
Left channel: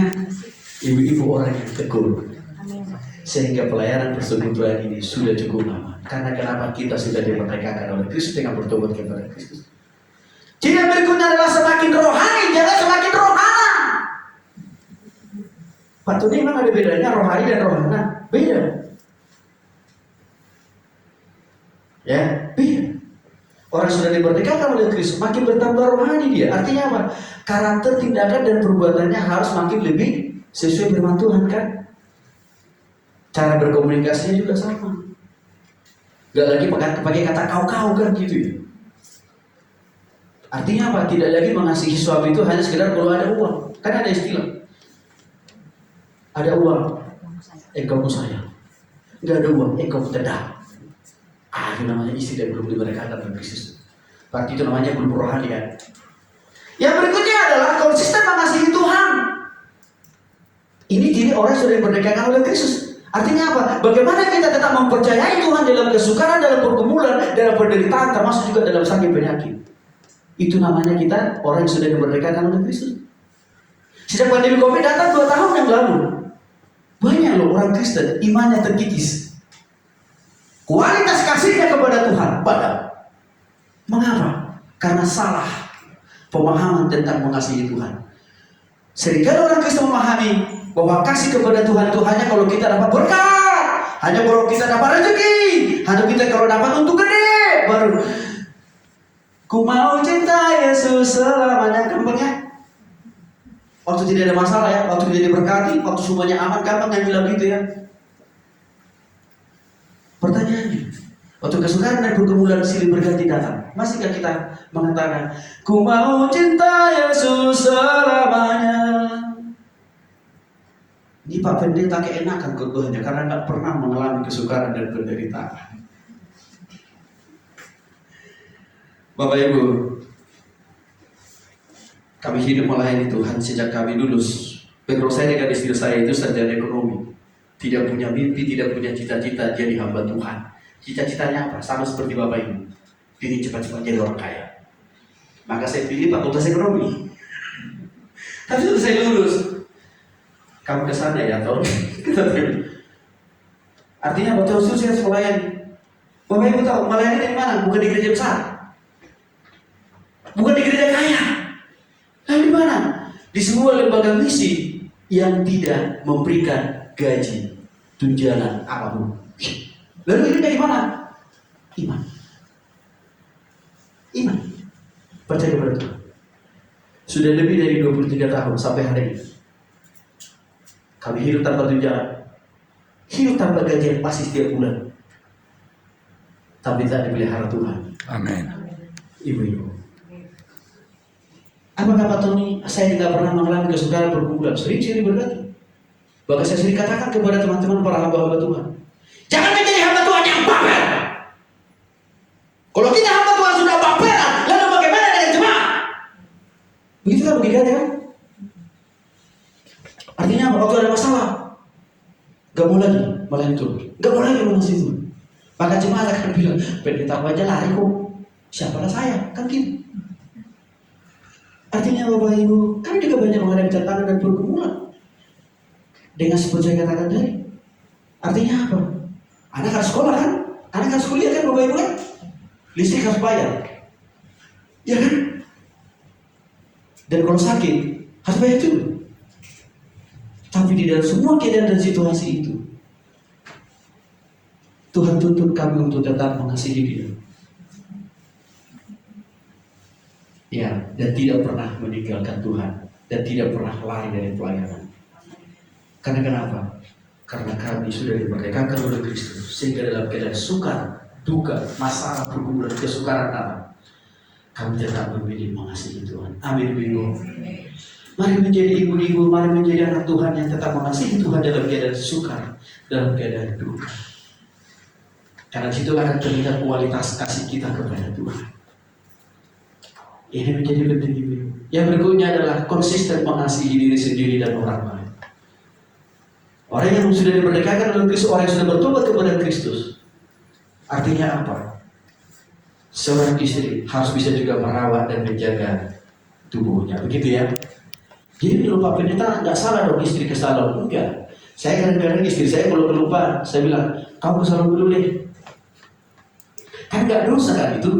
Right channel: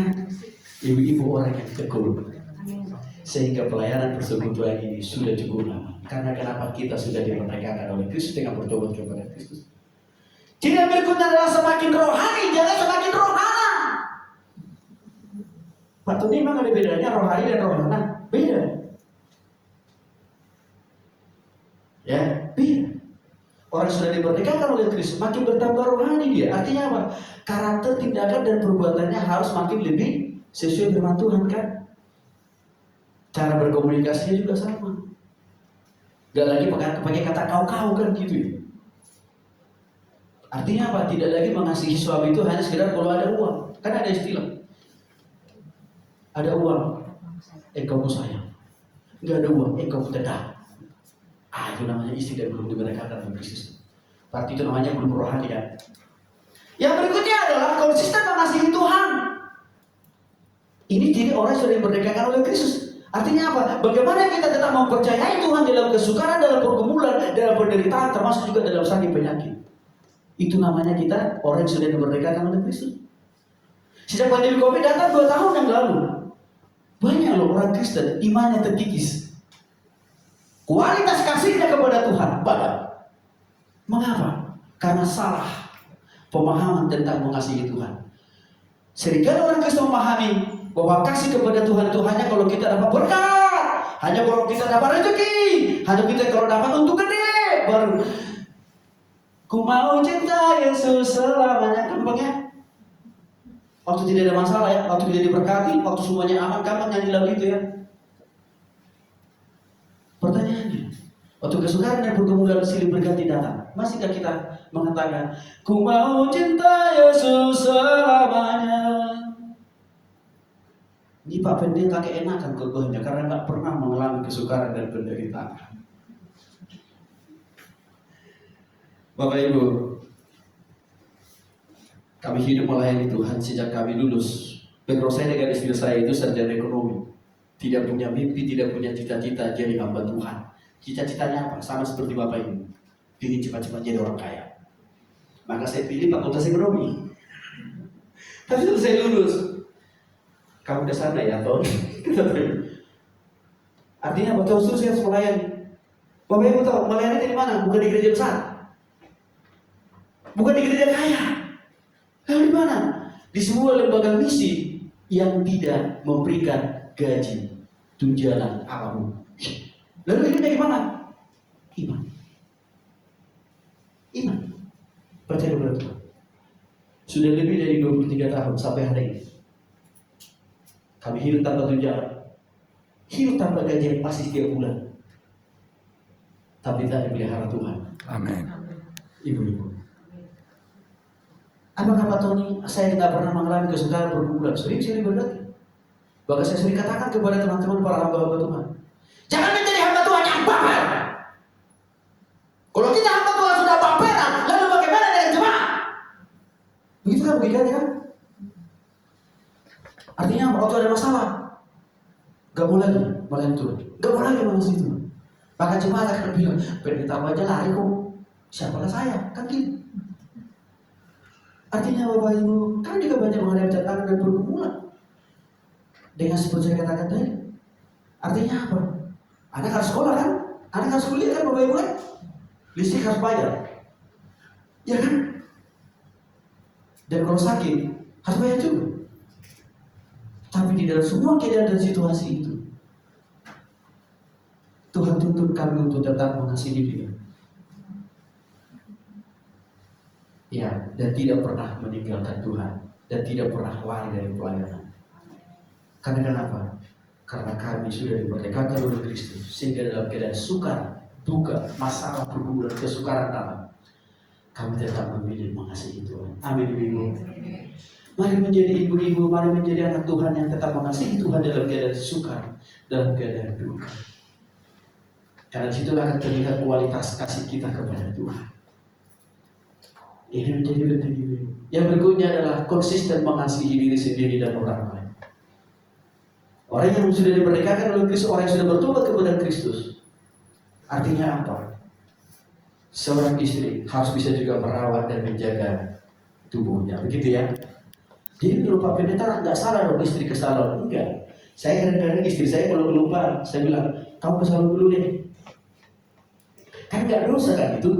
ibu-ibu orang yang tekun, sehingga pelayanan persekutuan ini sudah cukup lama. Karena kenapa? Kita sudah dimerdekakan oleh Kristus dengan bertobat kepada Kristus. Jadi yang berikutnya adalah semakin rohani, jangan semakin rohana. Pak Tony, memang ada bedanya rohani dan rohana? Beda. Ya, beda. Orang sudah dimerdekakan oleh Kristus, makin bertambah rohani dia. Artinya apa? Karakter, tindakan, dan perbuatannya harus makin lebih sesuai firman Tuhan, kan? Cara berkomunikasinya juga sama. Gak lagi pakai kata kau-kau kan gitu ya. Artinya apa? Tidak lagi mengasihi suami itu hanya sekedar kalau ada uang. Kan ada istilah. Ada uang, engkau ku sayang. Enggak ada uang, engkau ku tendang. Itu namanya istri dan belum dimerdekakan oleh Kristus. Berarti itu namanya belum rohani ya. Yang berikutnya adalah konsisten mengasihi Tuhan. Ini diri orang yang sudah dimerdekakan oleh Kristus. Artinya apa? Bagaimana kita tetap mempercayai Tuhan dalam kesukaran, dalam pergumulan, dalam penderitaan, termasuk juga dalam sakit penyakit. Itu namanya kita orang yang sudah dimerdekakan oleh Kristus. Sejak pandemi COVID datang 2 tahun yang lalu, banyak loh orang Kristen imannya terkikis. Kualitas kasihnya kepada Tuhan padam. Mengapa? Karena salah pemahaman tentang mengasihi Tuhan. Sehingga orang Kristen memahami bahwa kasih kepada Tuhan itu hanya kalau kita dapat berkat, hanya kalau kita dapat rezeki, hanya kita kalau dapat untuk gede, baru ku mau cinta Yesus selamanya. Gampangnya waktu tidak ada masalah ya, waktu tidak diberkati, waktu semuanya aman, gampang nyanyi lagu itu ya. Pertanyaannya, waktu kesukaran dan pergumulan silih berganti datang, masihkah kita mengatakan ku mau cinta Yesus selamanya? Ini Pak Pendeta keenakan khotbahnya karena nggak pernah mengalami kesukaran dan penderitaan. Bapak Ibu, kami hidup melayani Tuhan sejak kami lulus. Background saya dengan istri saya itu sarjana ekonomi, tidak punya mimpi, tidak punya cita-cita jadi hamba Tuhan. Cita-citanya apa? Sama seperti Bapak Ibu, ingin cepat-cepat jadi orang kaya. Maka saya pilih fakultas ekonomi. Tapi setelah saya lulus, kamu ke sana ya Ton? Artinya waktu itu saya melayani. Bapak Ibu tahu melayani di mana? Bukan di gereja besar, bukan di gereja kaya. Lalu di mana? Di sebuah lembaga misi yang tidak memberikan gaji, tunjangan apapun. Lalu ini dari mana? Iman. Iman. Percaya kepada Tuhan. Sudah lebih dari 23 tahun sampai hari ini. Kami hidup tanpa tunjangan, hidup tanpa gaji yang pasti setiap bulan, tapi tak dipelihara Tuhan. Amin. Ibu-ibu, apakah Pak Tony, saya tidak pernah mengalami kesukaran pergumulan? Sering berkati. Bahkan saya sering katakan kepada teman-teman para hamba-hamba Tuhan, jangan menjadi hamba Tuhan yang baper. Kalau kita hamba Tuhan sudah baperan, lalu bagaimana dengan jemaat? Begitu kan logikanya kan? Artinya waktu ada masalah, gak mau lagi melayani Tuhan, gak mau lagi mengasihi Tuhan. Maka jemaat akan bilang, pendeta aku aja lari kok, siapalah saya, kan gitu. Artinya Bapak Ibu, kami juga banyak menghadapi tantangan dan pergumulan. Dengan seperti saya katakan tadi. Artinya apa? Anak harus sekolah kan? Anak harus kuliah kan Bapak Ibu kan? Listrik harus bayar. Ya kan? Dan kalau sakit, Harus bayar juga. Tapi di dalam semua keadaan dan situasi itu, Tuhan tuntut kami untuk tetap mengasihi Dia. Ya, dan tidak pernah meninggalkan Tuhan, dan tidak pernah lari dari pelayanan. Karena kenapa? Karena kami sudah dimerdekakan oleh Kristus, sehingga dalam keadaan sukar, duka, masalah, pergumulan, kesukaran apa, kami tetap memilih mengasihi Tuhan. Amin, bingung. Mari menjadi ibu-ibu, mari menjadi anak Tuhan yang tetap mengasihi Tuhan dalam keadaan sukar, dalam keadaan duka. Karena situlah akan terlihat kualitas kasih kita kepada Tuhan. Ini menjadi penting ibu. Yang berikutnya adalah konsisten mengasihi diri sendiri dan orang lain. Orang yang sudah dimerdekakan oleh Kristus, orang yang sudah bertobat kepada Kristus. Artinya apa? Seorang istri harus bisa juga merawat dan menjaga tubuhnya, begitu ya. Jadi kalau Pak Pendeta nggak salah dong istri ke salon, enggak. Saya kadang-kadang istri saya kalau kelupaan, saya bilang kamu ke salon dulu deh. Kan nggak dosa kan itu.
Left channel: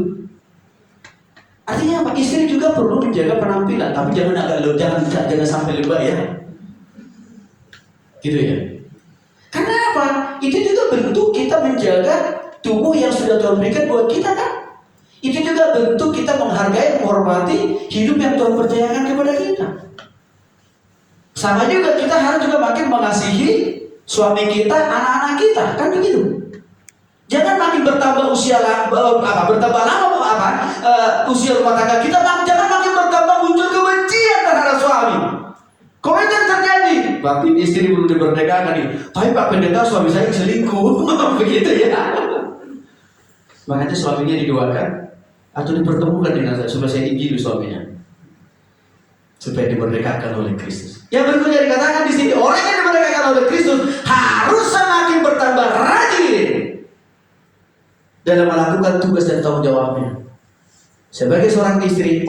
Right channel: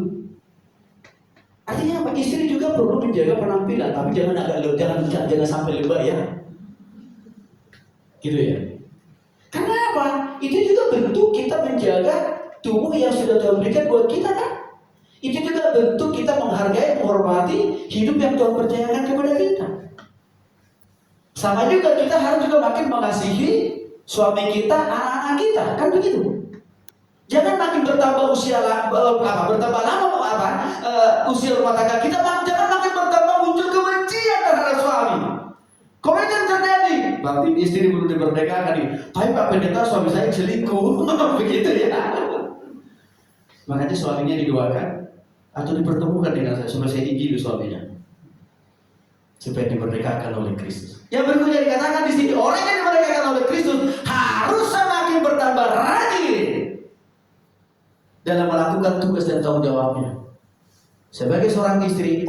Artinya apa? Istri juga perlu menjaga penampilan, tapi jangan sampai lebay ya. Gitu ya. Karena apa? Itu juga bentuk kita menjaga tubuh yang sudah Tuhan berikan buat kita kan. Itu juga bentuk kita menghargai, menghormati hidup yang Tuhan percayakan kepada kita. Sama juga kita harus juga makin mengasihi suami kita, anak-anak kita, kan begitu. Jangan makin bertambah usia usia rumah tangga kita, jangan makin bertambah muncul kebencian terhadap suami. Kalau itu terjadi, berarti istri belum dimerdekakan nih. Tapi Pak Pendeta suami saya selingkuh, begitu ya. Makanya suaminya didoakan atau dipertemukan dengan saya supaya saya injili suaminya, supaya dimerdekakan oleh Kristus. Yang berikutnya dikatakan di sini, orang yang dimerdekakan oleh Kristus harus semakin bertambah rajin dalam melakukan tugas dan tanggung jawabnya. Sebagai seorang istri,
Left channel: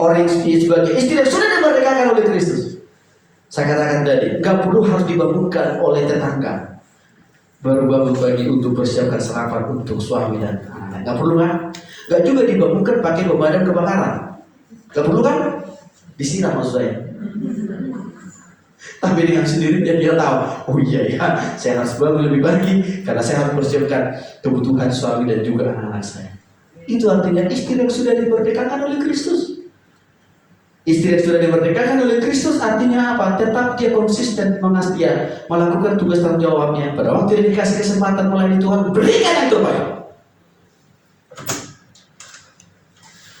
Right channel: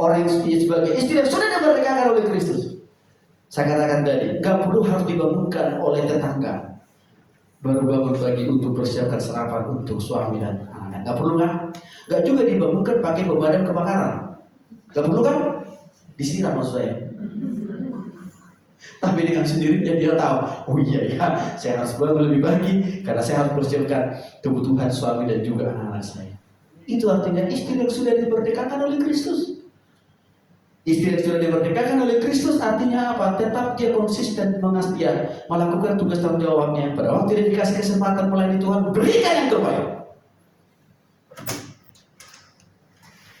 sebagai istri yang sudah dimerdekakan oleh Kristus, saya katakan tadi, nggak perlu harus dibangunkan oleh tetangga. Baru bangun pagi untuk persiapkan sarapan untuk suami dan anak-anak. Nggak perlu kan? Nggak juga dibangunkan pakai pemadam kebakaran. Nggak perlu kan? Disiram maksud saya. Tapi dengan sendirinya dia tahu, oh iya ya, saya harus bangun lebih pagi karena saya harus persiapkan kebutuhan suami dan juga anak-anak saya. Itu artinya istri yang sudah dimerdekakan oleh Kristus. Istri yang sudah dimerdekakan oleh Kristus artinya apa? Tetap dia konsisten melakukan tugas tanggung jawabnya. Pada waktu dia dikasih kesempatan melayani Tuhan, berikan yang terbaik.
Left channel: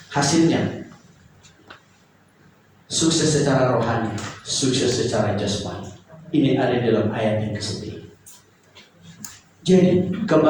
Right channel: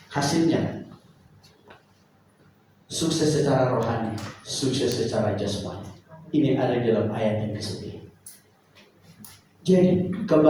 Hasilnya sukses secara rohani, sukses secara jasmani. Ini ada dalam ayat yang ke-9. Jadi kembali